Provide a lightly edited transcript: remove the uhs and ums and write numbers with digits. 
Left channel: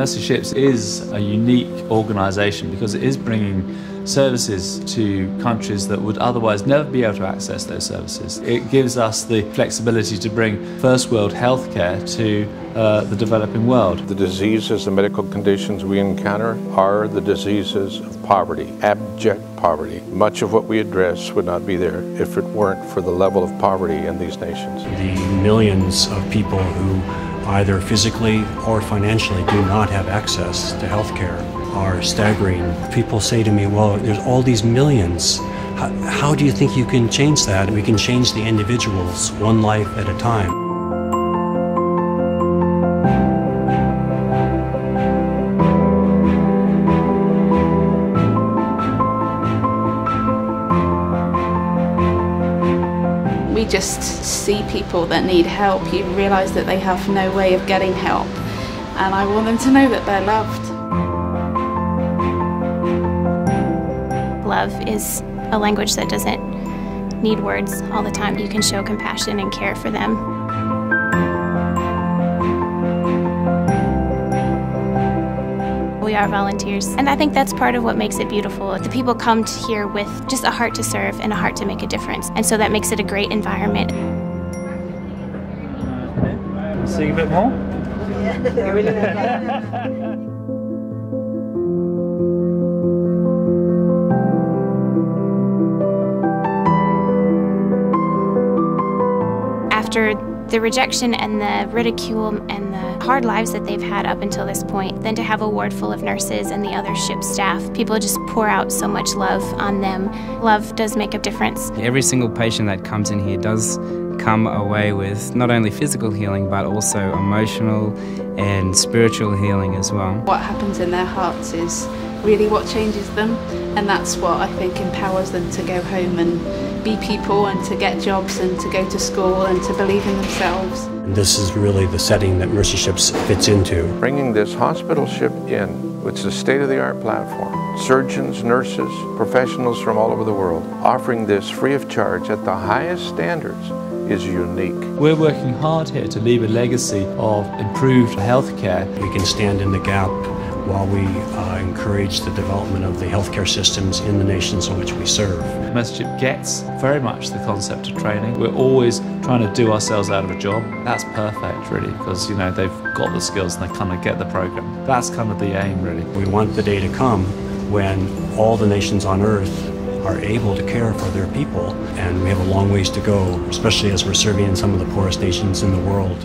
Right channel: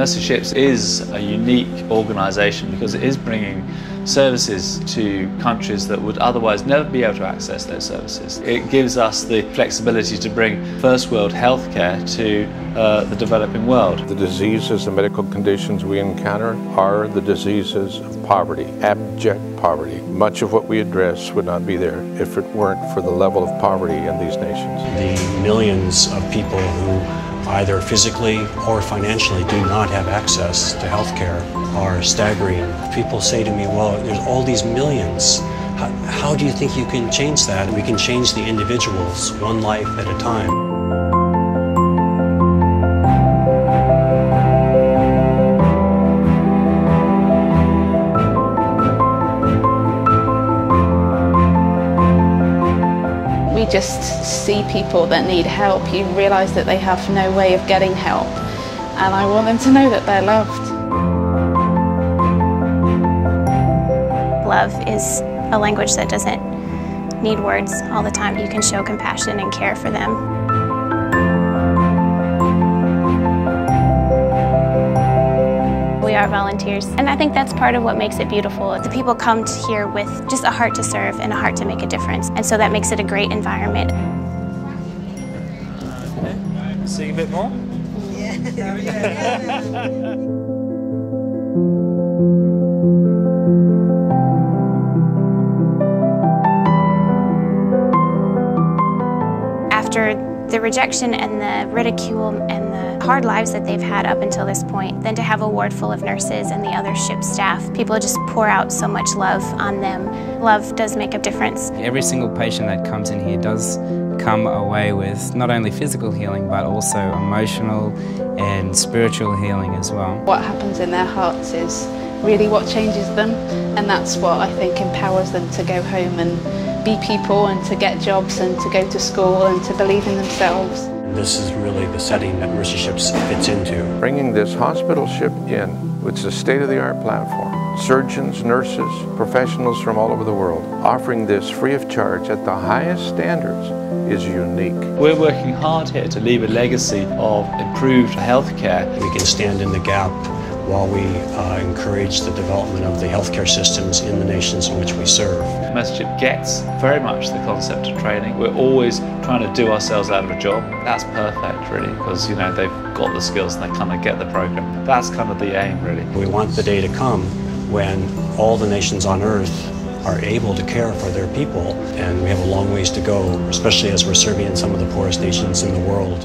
Mercy Ships is a unique organisation because it is bringing services to countries that would otherwise never be able to access those services. It gives us the flexibility to bring first world healthcare to the developing world. The diseases and medical conditions we encounter are the diseases of poverty, abject poverty. Much of what we address would not be there if it weren't for the level of poverty in these nations. The millions of people who either physically or financially do not have access to health care are staggering. People say to me, well, there's all these millions. How do you think you can change that? We can change the individuals one life at a time. You just see people that need help, you realise that they have no way of getting help, and I want them to know that they're loved. Love is a language that doesn't need words all the time. You can show compassion and care for them. We are volunteers, and I think that's part of what makes it beautiful. People come here with just a heart to serve and a heart to make a difference, and so that makes it a great environment. See a bit more? After the rejection and the ridicule and the hard lives that they've had up until this point, then to have a ward full of nurses and the other ship staff, people just pour out so much love on them. Love does make a difference. Every single patient that comes in here does come away with not only physical healing but also emotional and spiritual healing as well. What happens in their hearts is really what changes them, and that's what I think empowers them to go home and be people and to get jobs and to go to school and to believe in themselves. This is really the setting that Mercy Ships fits into. Bringing this hospital ship in, which is a state-of-the-art platform, surgeons, nurses, professionals from all over the world, offering this free of charge at the highest standards is unique. We're working hard here to leave a legacy of improved healthcare. We can stand in the gap while we encourage the development of the healthcare systems in the nations in which we serve. Mercy Ship gets very much the concept of training. We're always trying to do ourselves out of a job. That's perfect, really, because they've got the skills and they kind of get the program. That's kind of the aim, really. We want the day to come when all the nations on earth are able to care for their people, and we have a long ways to go, especially as we're serving in some of the poorest nations in the world.